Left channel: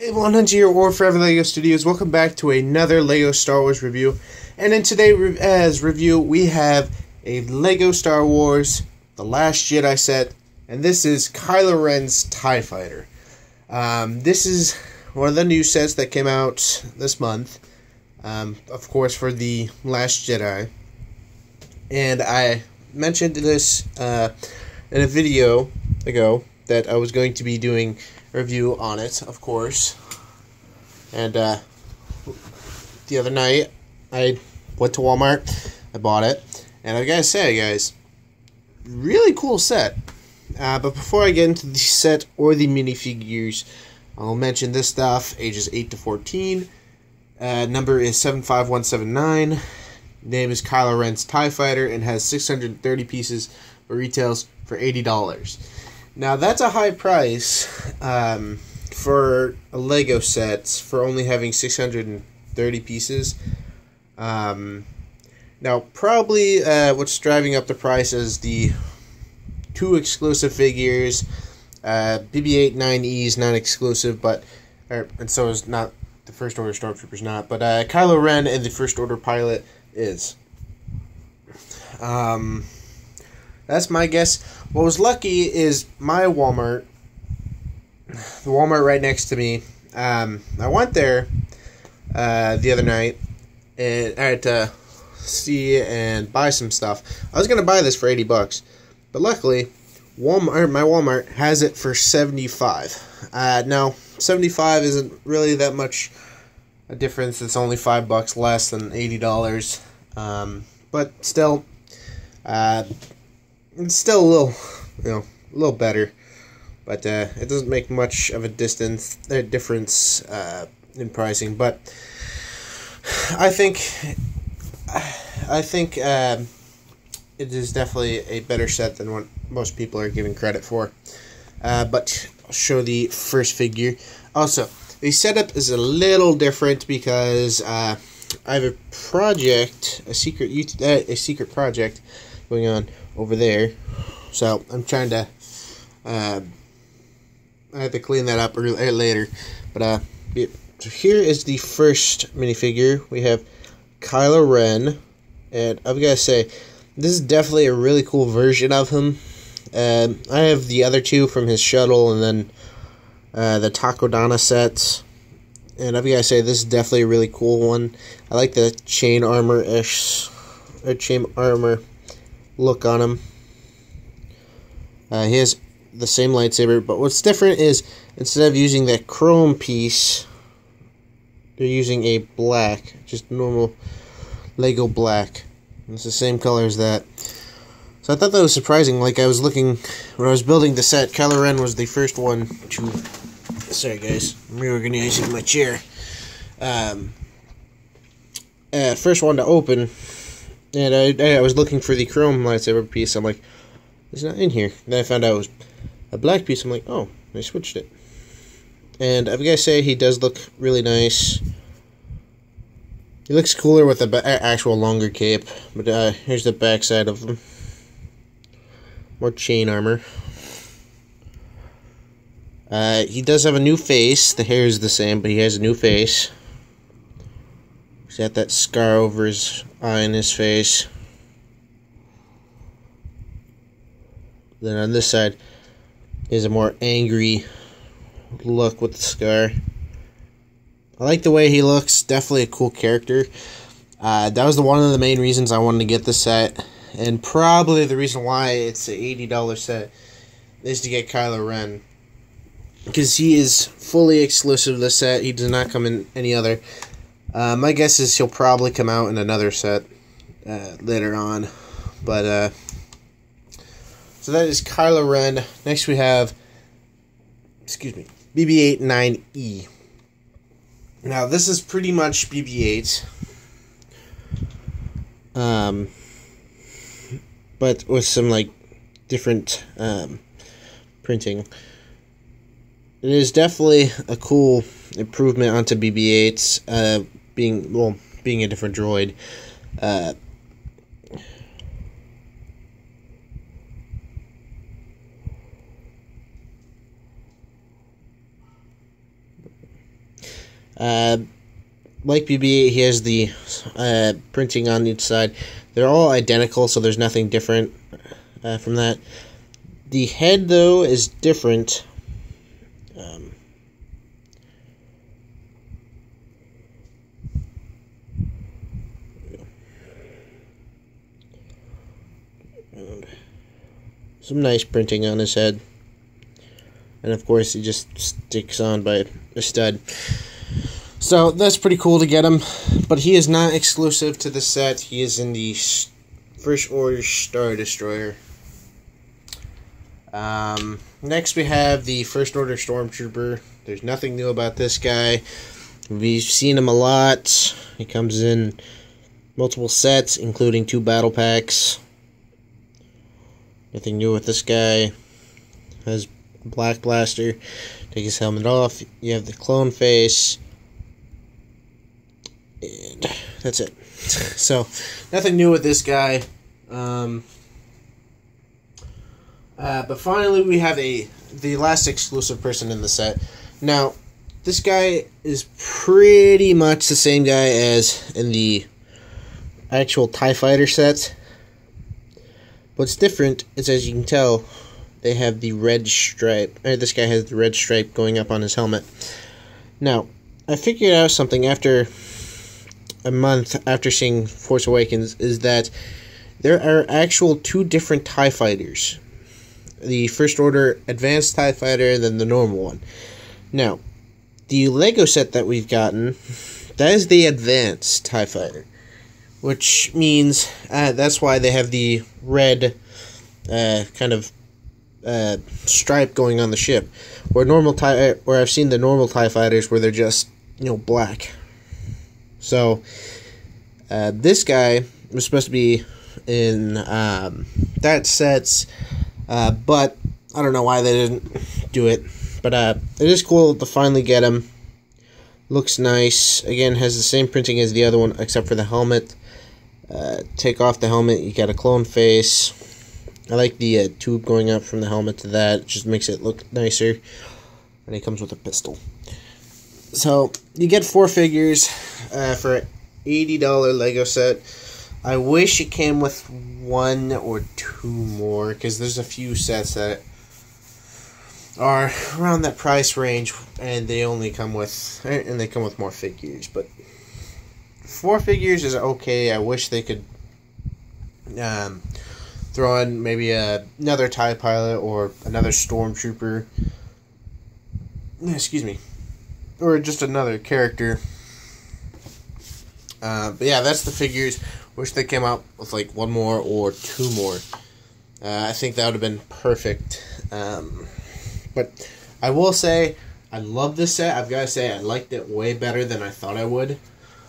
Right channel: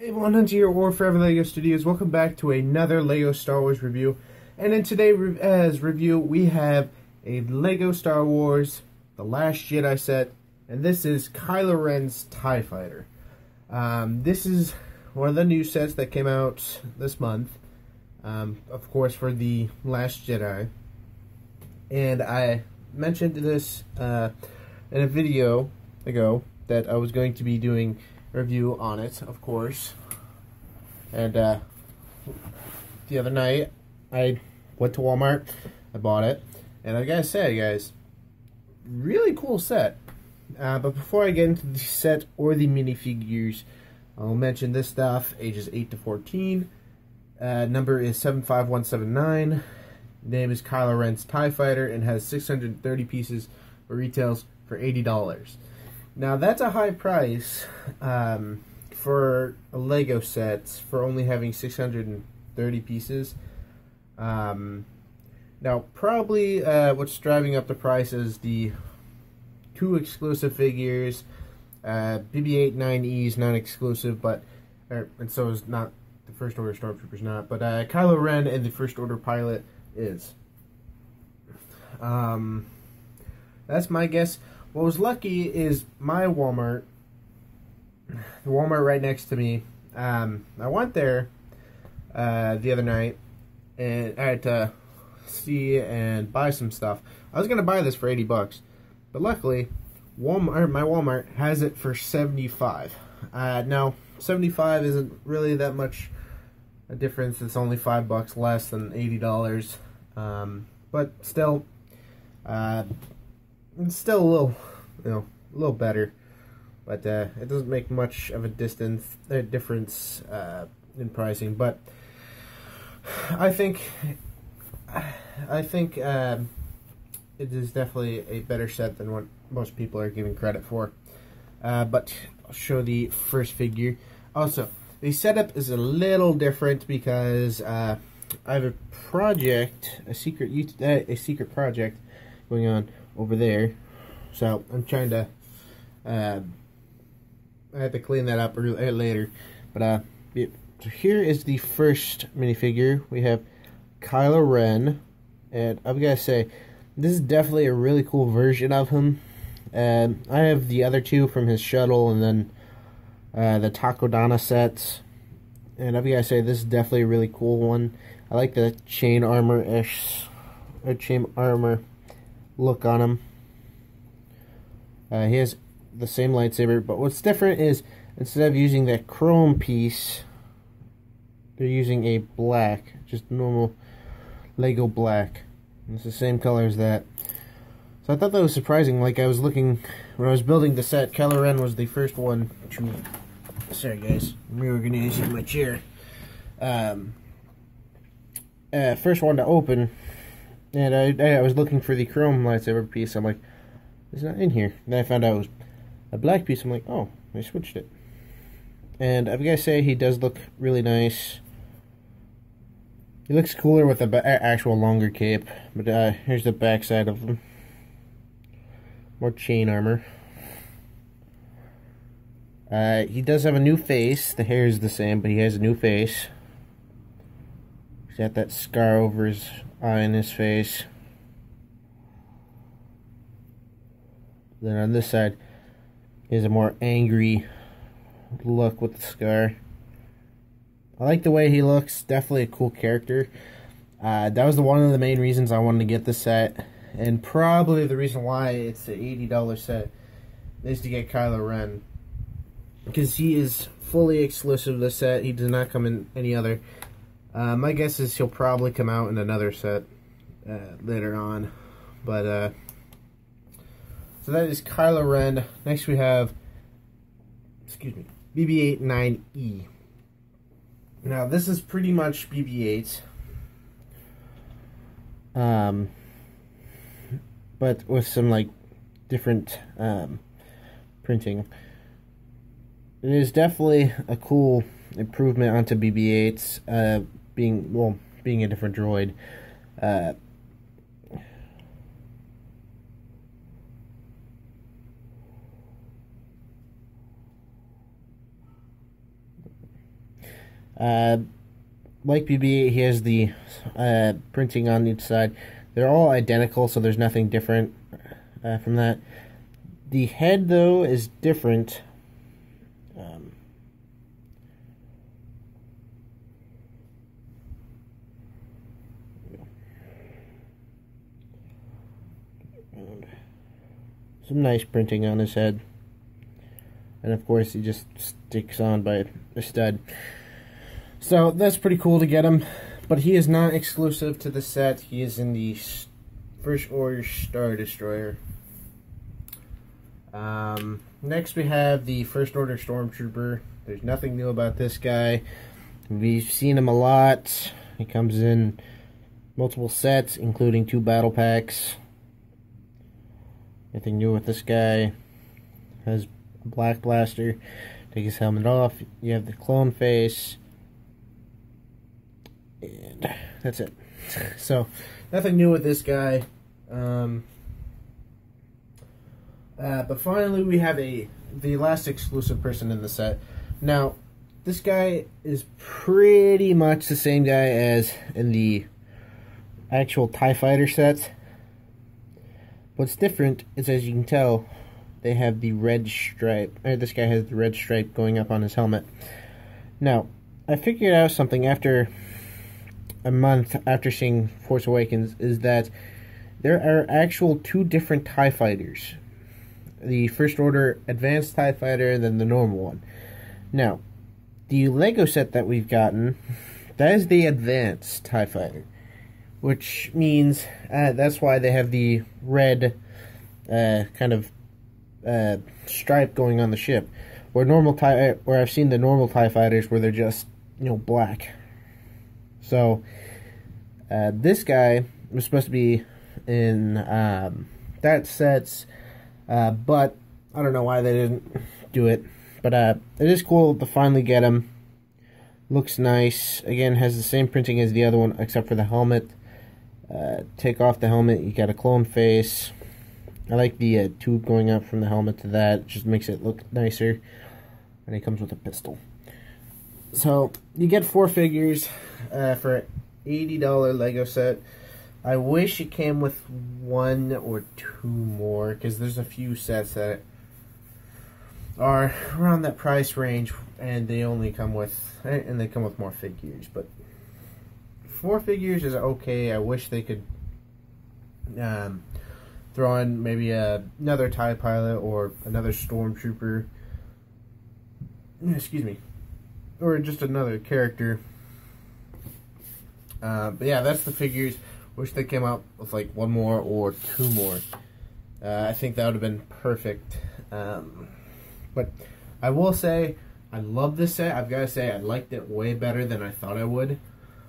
Hey everyone, Hunter here, or Forever LEGO Studios. Welcome back to another LEGO Star Wars review. And in today's review, we have a LEGO Star Wars The Last Jedi set. And this is Kylo Ren's TIE Fighter. This is one of the new sets that came out this month. Of course, for The Last Jedi. And I mentioned this in a video ago that I was going to be doing review on it, of course. And the other night I went to Walmart, I bought it, and I gotta say, guys, really cool set. But before I get into the set or the minifigures, I'll mention this stuff: ages 8 to 14, number is 75179, name is Kylo Ren's TIE Fighter, and has 630 pieces, but retails for $80. Now, that's a high price for a LEGO set for only having 630 pieces. Now, probably what's driving up the price is the two exclusive figures. BB-8 9E is not exclusive, and so is not the First Order Stormtroopers not, but Kylo Ren and the First Order pilot is. That's my guess. What was lucky is my Walmart, the Walmart right next to me. I went there the other night, and I had to see and buy some stuff. I was gonna buy this for $80, but luckily, my Walmart has it for $75. Now, $75 isn't really that much a difference. It's only $5 less than $80, but still, it's still a little, a little better, but it doesn't make much of a difference in pricing. But I think it is definitely a better set than what most people are giving credit for. But I'll show the first figure. Also, the setup is a little different because I have a project, a secret project going on over there, so I'm trying to I have to clean that up later, but so here is the first minifigure. We have Kylo Ren, and I've got to say, this is definitely a really cool version of him. I have the other two from his shuttle, and then the Takodana sets, and I've got to say, this is definitely a really cool one. I like the chain armor look on him. He has the same lightsaber, but what's different is instead of using that chrome piece, they're using a black, just normal Lego black. It's the same color as that. So I thought that was surprising. Like, I was looking, when I was building the set, Kylo Ren was the first one to, sorry guys, I'm reorganizing my chair. First one to open. And I was looking for the chrome lightsaber piece. I'm like, it's not in here. Then I found out it was a black piece. I'm like, oh, I switched it. And I've got to say, he does look really nice. He looks cooler with the actual longer cape. But here's the back side of him. More chain armor. He does have a new face. The hair is the same, but he has a new face. He's got that scar over his eye and his face. Then on this side is a more angry look with the scar. I like the way he looks. Definitely a cool character. That was one of the main reasons I wanted to get this set, and probably the reason why it's an $80 set is to get Kylo Ren, because he is fully exclusive to this set. He does not come in any other. My guess is he'll probably come out in another set later on. But so that is Kylo Ren. Next we have, BB-8 9E. Now this is pretty much BB-8, but with some like different printing. It is definitely a cool improvement onto BB-8's, being a different droid. Like BB-8, he has the printing on each side. They're all identical, so there's nothing different from that. The head, though, is different. Some nice printing on his head. And of course, he just sticks on by a stud. So that's pretty cool to get him. But he is not exclusive to the set. He is in the First Order Star Destroyer. Next we have the First Order Stormtrooper. There's nothing new about this guy. We've seen him a lot. He comes in multiple sets, including 2 battle packs. Nothing new with this guy. Has a black blaster. Take his helmet off. You have the clone face. And that's it. So, nothing new with this guy. But finally, we have the last exclusive person in the set. Now, this guy is pretty much the same guy as in the actual TIE Fighter set. What's different is, as you can tell, they have the red stripe. This guy has the red stripe going up on his helmet. Now, I figured out something after a month after seeing Force Awakens, is that there are actual 2 different TIE Fighters. The First Order Advanced TIE Fighter and then the normal one. Now, the Lego set that we've gotten, that is the Advanced TIE Fighter. Which means that's why they have the red kind of stripe going on the ship. Where I've seen the normal TIE Fighters where they're just, black. So, this guy was supposed to be in that set, but I don't know why they didn't do it. But it is cool to finally get him. Looks nice. Again, has the same printing as the other one, except for the helmet. Take off the helmet, you got a clone face. I like the tube going up from the helmet to that. It just makes it look nicer. And it comes with a pistol. So, you get 4 figures for an $80 Lego set. I wish it came with 1 or 2 more, because there's a few sets that are around that price range, and they only come with, more figures. But 4 figures is okay. I wish they could throw in maybe another TIE pilot or another Stormtrooper. Excuse me. Or just another character. But yeah, that's the figures. Wish they came out with like 1 more or 2 more. I think that would have been perfect. But I will say, I love this set. I've got to say, I liked it way better than I thought I would.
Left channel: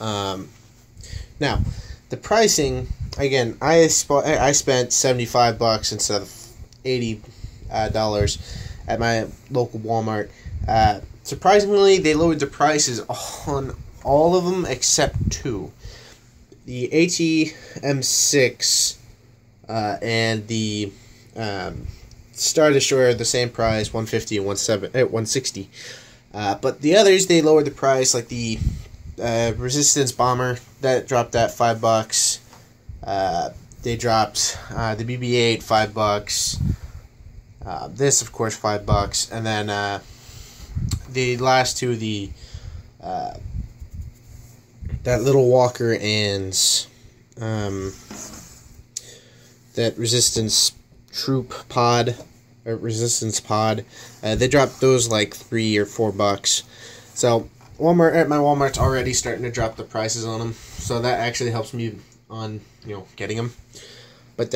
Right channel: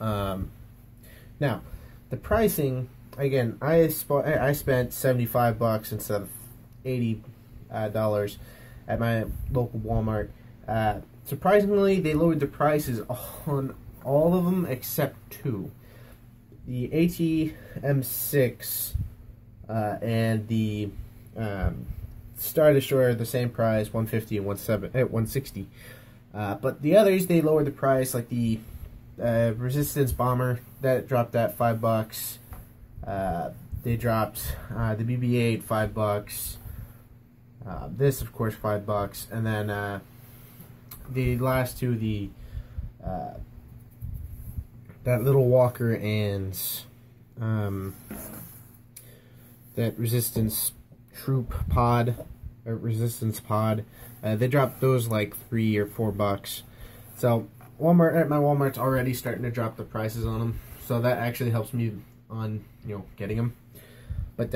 Now, the pricing, again, I spent $75 instead of $80 at my local Walmart. Surprisingly, they lowered the prices on all of them except 2. The ATM6 and the Star Destroyer are the same price, $150 and $160. But the others, they lowered the price, like the Resistance Bomber, that dropped at $5. They dropped the BB-8 $5. This, of course, $5, and then the last 2, the that little walker and that Resistance Troop Pod, or Resistance Pod, they dropped those like $3 or $4. So my Walmart's already starting to drop the prices on them, so that actually helps me on getting them. But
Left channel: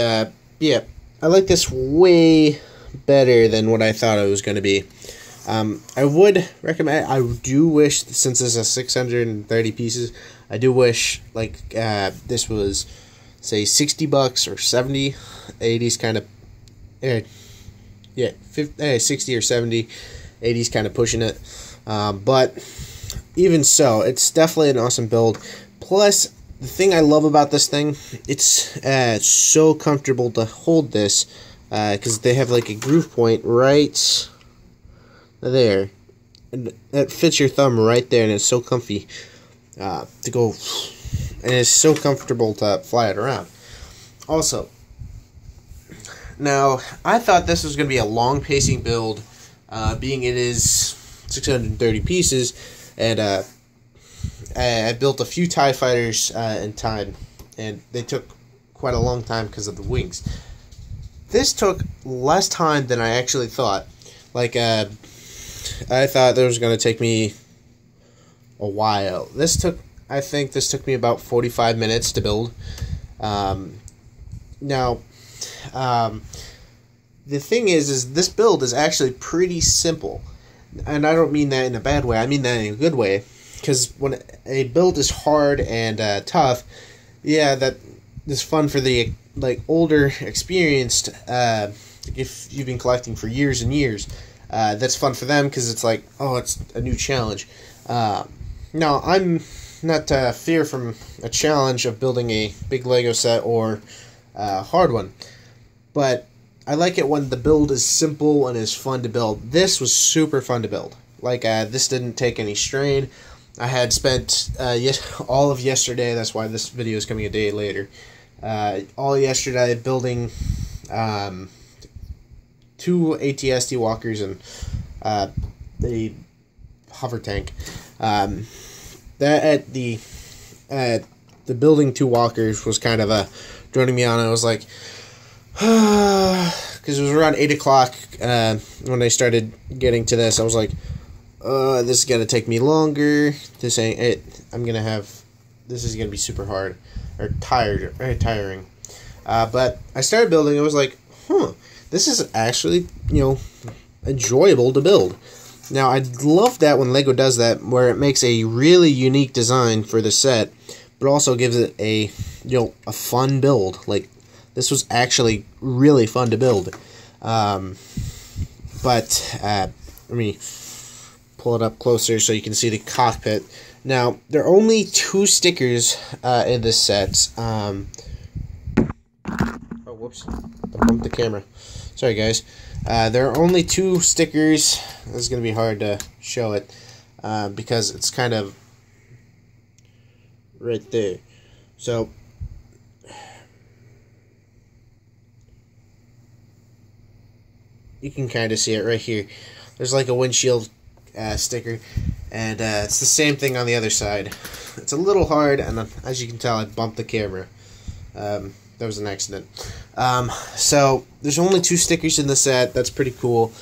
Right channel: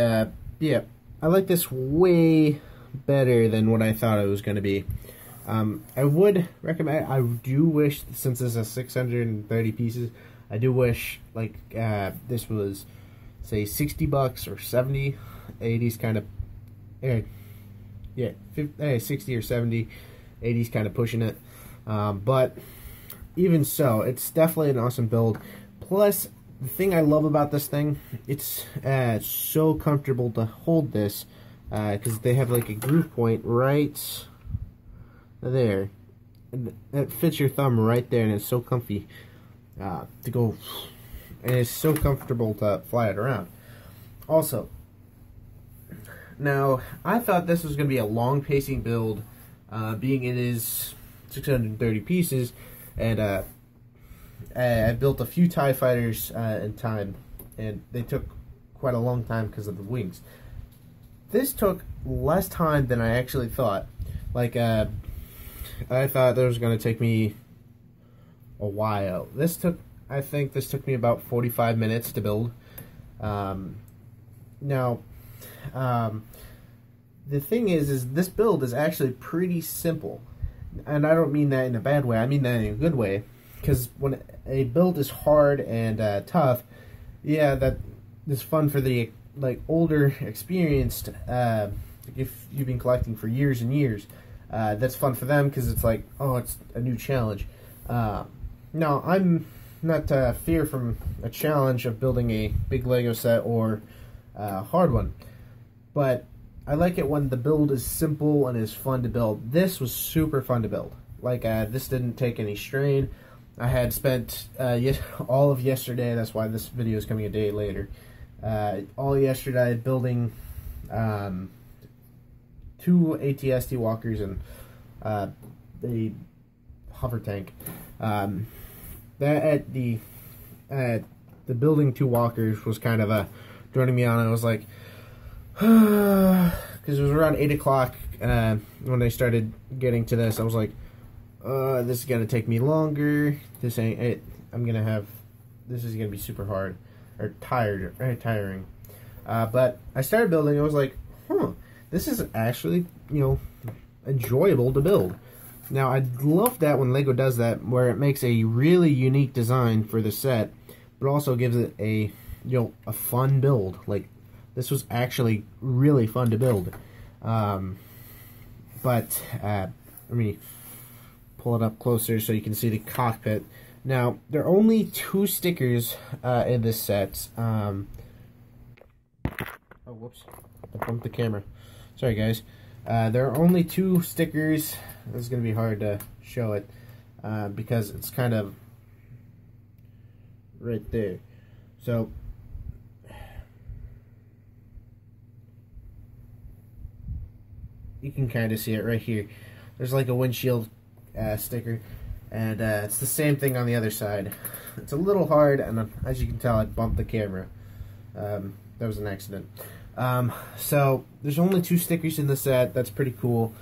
yeah, I like this way better than what I thought it was going to be. I would recommend. I do wish, since this is 630 pieces, I do wish like this was, say, $60 or 70. 80s kind of, yeah, 60 or 70. 80s kind of pushing it. But even so, it's definitely an awesome build. Plus, the thing I love about this thing, it's so comfortable to hold this, because they have like a groove point right there, and that fits your thumb right there, and it's so comfy to go, and it's so comfortable to fly it around. Also, now I thought this was going to be a long pacing build, being it is 630 pieces, and I built a few TIE fighters in time, and they took quite a long time because of the wings. This took less time than I actually thought. Like, I thought it was going to take me a while. I think this took me about 45 minutes to build. Now, the thing is this build is actually pretty simple. And I don't mean that in a bad way, I mean that in a good way. Because when a build is hard and tough, yeah, that is fun for the older, experienced, if you've been collecting for years and years, that's fun for them because it's like, oh, it's a new challenge. Now, I'm not fear from a challenge of building a big Lego set or a hard one, but I like it when the build is simple and is fun to build. This was super fun to build. Like, this didn't take any strain. I had spent all of yesterday, that's why this video is coming a day later, all yesterday building 2 AT-ST walkers and the hover tank. The building 2 walkers was kind of droning me on. I was like, because it was around 8 o'clock when I started getting to this. I was like, this is gonna take me longer. This ain't it. This is gonna be super hard or very tiring. But I started building. I was like, this is actually, enjoyable to build. Now, I love that when Lego does that, where it makes a really unique design for the set, but also gives it a fun build. Like, this was actually really fun to build. Let me pull it up closer so you can see the cockpit. Now, there are only 2 stickers in this set. Oh, whoops. I bumped the camera. Sorry, guys. There are only 2 stickers. This is going to be hard to show it because it's kind of right there. So, you can kind of see it right here. There's like a windshield sticker, and it's the same thing on the other side. It's a little hard, and as you can tell, I bumped the camera. That was an accident. So there's only 2 stickers in the set. That's pretty cool.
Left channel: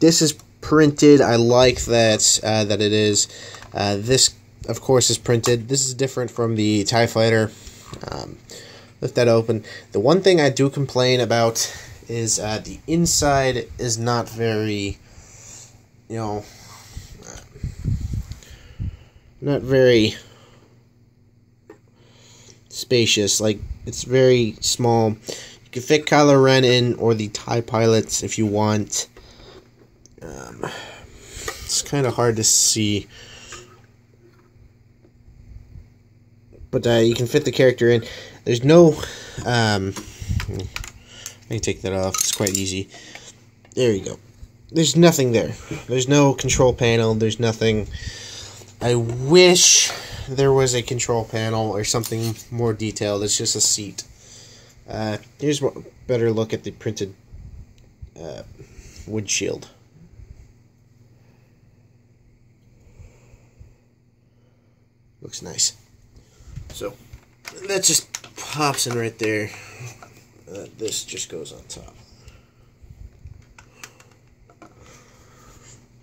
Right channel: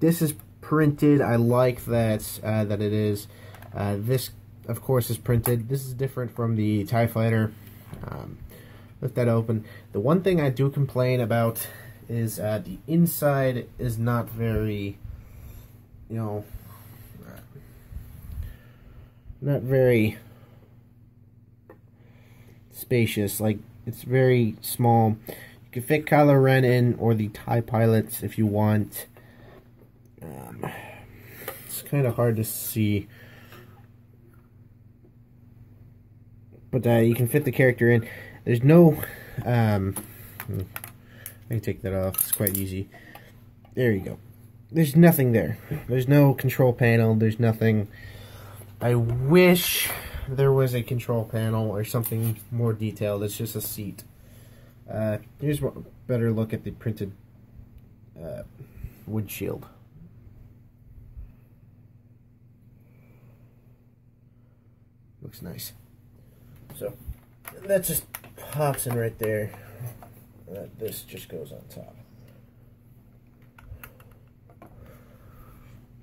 This is printed. I like that that it is. This, of course, is printed. This is different from the TIE Fighter. Lift that open. The one thing I do complain about is the inside is not very, not very spacious. Like, it's very small. You can fit Kylo Ren in, or the TIE pilots if you want. It's kind of hard to see, but you can fit the character in. There's no I can take that off. It's quite easy. There you go. There's nothing there. There's no control panel. There's nothing. I wish there was a control panel or something more detailed. It's just a seat. Here's a better look at the printed windshield. Looks nice. So that just pops in right there. This just goes on top.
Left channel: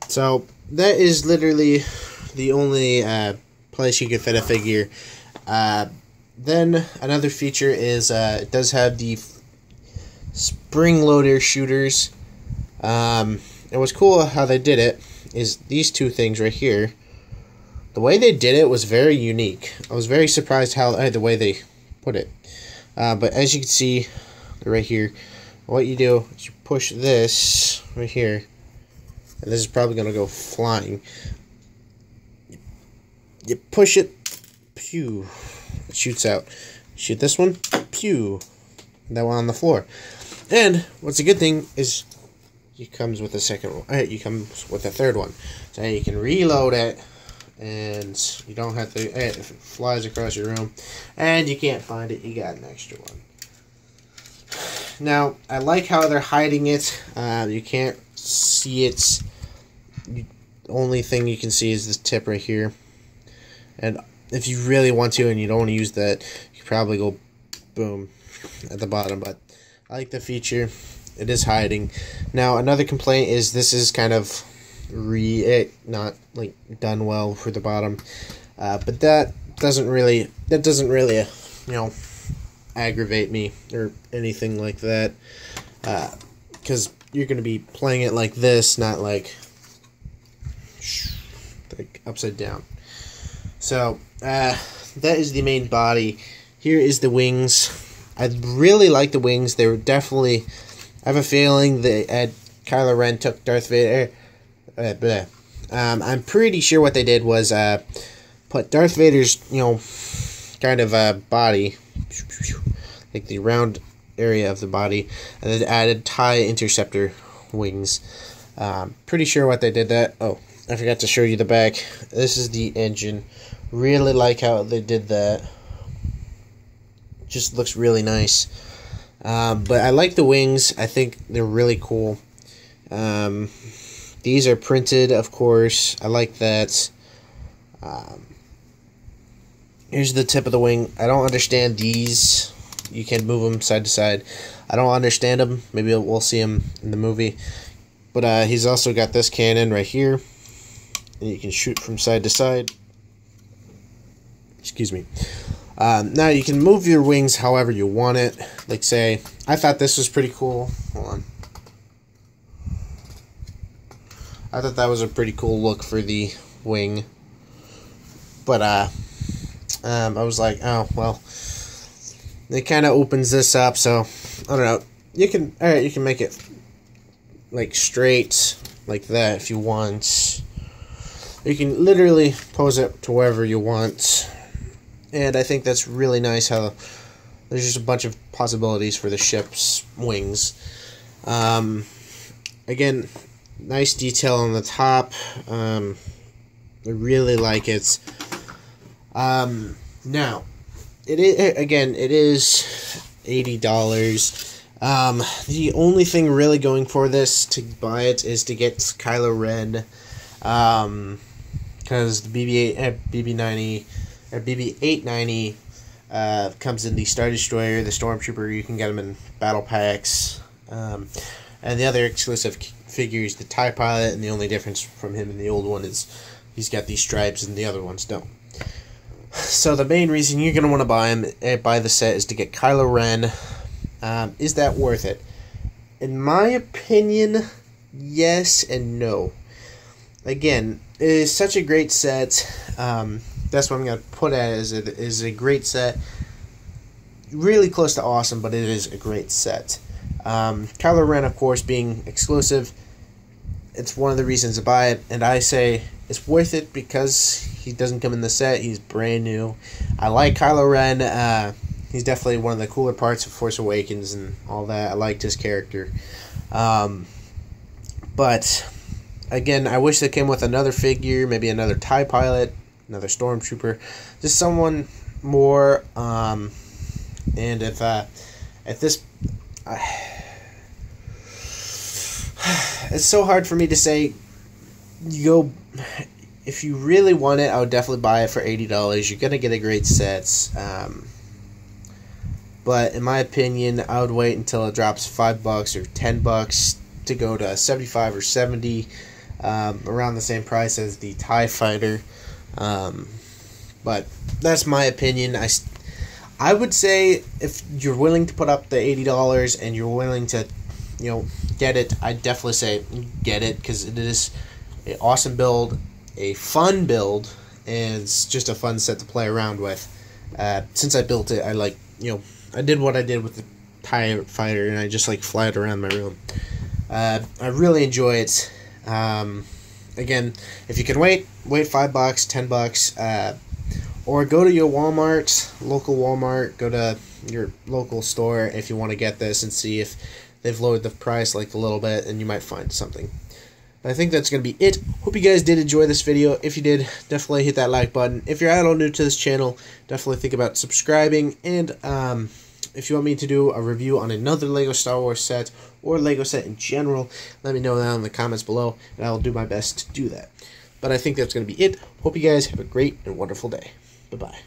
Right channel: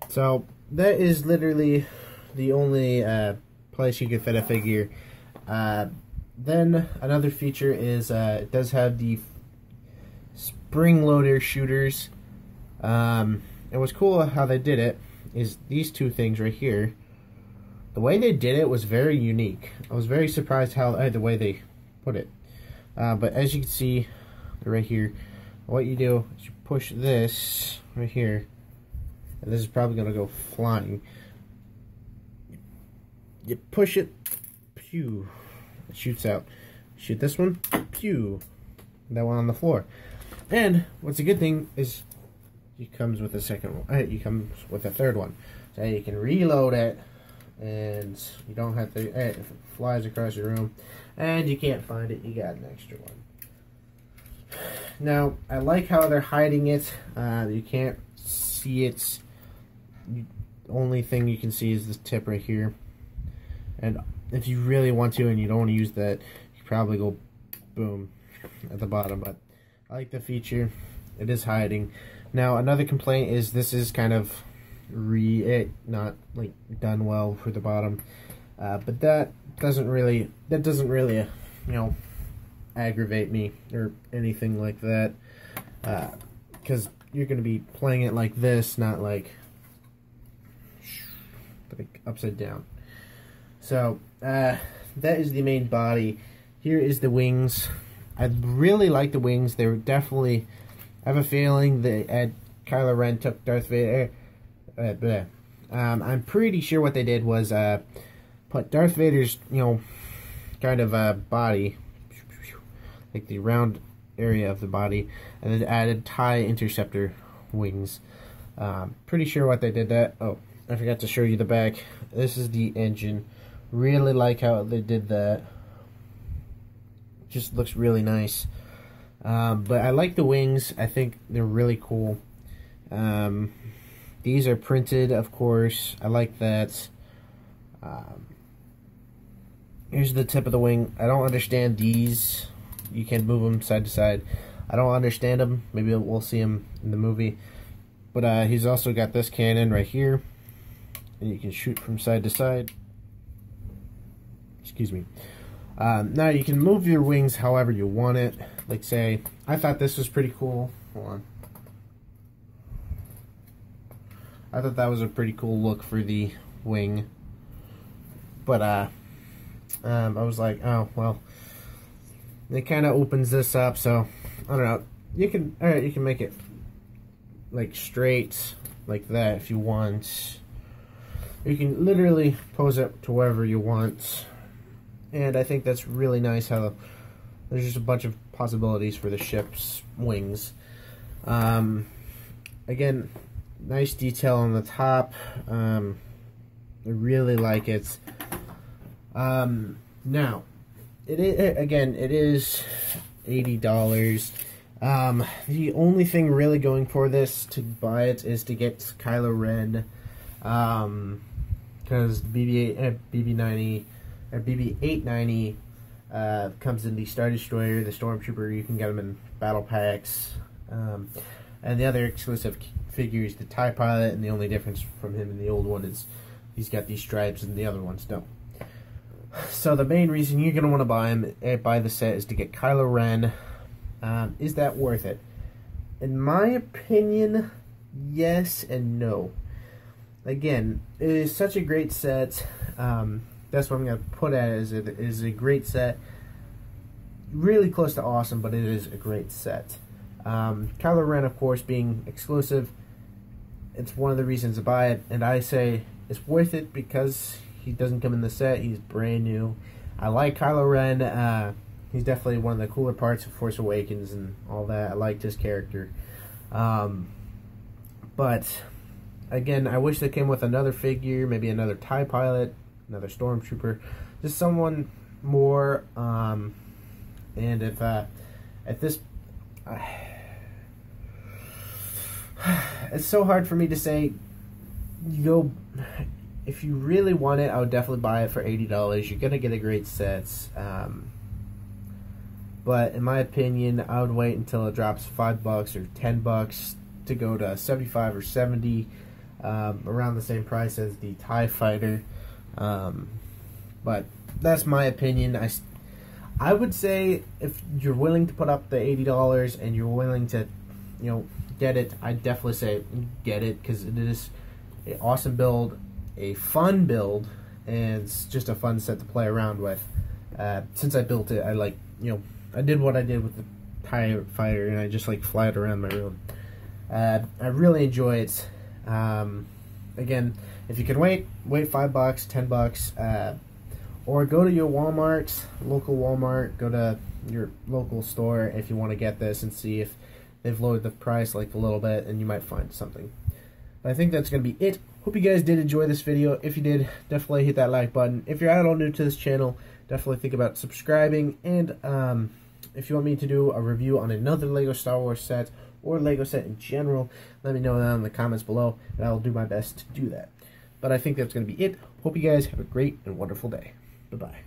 So that is literally the only place you can fit a figure. Then another feature is it does have the spring loader shooters. And what's cool how they did it is these 2 things right here. The way they did it was very unique. I was very surprised the way they put it. But as you can see, right here, what you do is you push this right here, and this is probably going to go flying. You push it, pew, it shoots out. Shoot this one, pew, that one on the floor. And what's a good thing is it comes with a second one. It comes with a third one. So you can reload it, and you don't have to, if it flies across your room and you can't find it, you got an extra one. Now, I like how they're hiding it. You can't see it. The only thing you can see is this tip right here. And if you really want to and you don't want to use that, you probably go boom at the bottom. But I like the feature. It is hiding. Now, another complaint is this is kind of not like done well for the bottom. But that doesn't really aggravate me or anything like that, because you're going to be playing it like this, not like upside down. So that is the main body. Here is the wings. I really like the wings. They were definitely, I have a feeling that Kylo Ren took Darth Vader. I'm pretty sure what they did was put Darth Vader's kind of body, like the round area of the body, and then added TIE interceptor wings. Pretty sure what they did that. Oh, I forgot to show you the back. This is the engine. Really like how they did that. Just looks really nice. But I like the wings. I think they're really cool. These are printed, of course. I like that. Here's the tip of the wing. I don't understand these. You can move them side to side. I don't understand them. Maybe we'll see them in the movie. But he's also got this cannon right here. And you can shoot from side to side. Excuse me. Now you can move your wings however you want it. Like say, I thought this was pretty cool. Hold on. I thought that was a pretty cool look for the wing. But I was like, oh well. It kind of opens this up, so I don't know. You can make it like straight like that if you want. You can literally pose it to wherever you want. And I think that's really nice how there's just a bunch of possibilities for the ship's wings. Again, nice detail on the top. I really like it. Now, it is $80. The only thing really going for this to buy it is to get Kylo Ren. Because the BB-890 comes in the Star Destroyer, the Stormtrooper. You can get them in battle packs, and the other exclusive figures, the TIE Pilot, and the only difference from him and the old one is he's got these stripes and the other ones don't. So the main reason you're going to want to buy the set is to get Kylo Ren. Is that worth it? In my opinion, yes and no. Again, it is such a great set. That's what I'm going to put at it. It is a great set. Really close to awesome, but it is a great set. Kylo Ren, of course, being exclusive, it's one of the reasons to buy it. And I say it's worth it because he doesn't come in the set. He's brand new. I like Kylo Ren. He's definitely one of the cooler parts of Force Awakens and all that. I liked his character. But again, I wish they came with another figure, maybe another TIE Pilot, another Stormtrooper, just someone more. And if this, it's so hard for me to say. If you really want it, I would definitely buy it for $80. You're gonna get a great set. But in my opinion, I would wait until it drops $5 or $10 to go to 75 or 70. Around the same price as the TIE Fighter. But that's my opinion. I would say if you're willing to put up the $80 and you're willing to, get it, I'd definitely say get it because it is an awesome build, a fun build, and it's just a fun set to play around with. Since I built it, I did what I did with the TIE Fighter, and I just fly it around my room. I really enjoy it. Again, if you can wait $5, $10, or go to your local Walmart, go to your local store if you want to get this and see if they've lowered the price a little bit, and you might find something. I think that's going to be it. Hope you guys did enjoy this video. If you did, definitely hit that like button. If you're at all new to this channel, definitely think about subscribing. And if you want me to do a review on another LEGO Star Wars set or LEGO set in general, let me know that in the comments below, and I will do my best to do that. But I think that's going to be it. Hope you guys have a great and wonderful day. Bye-bye.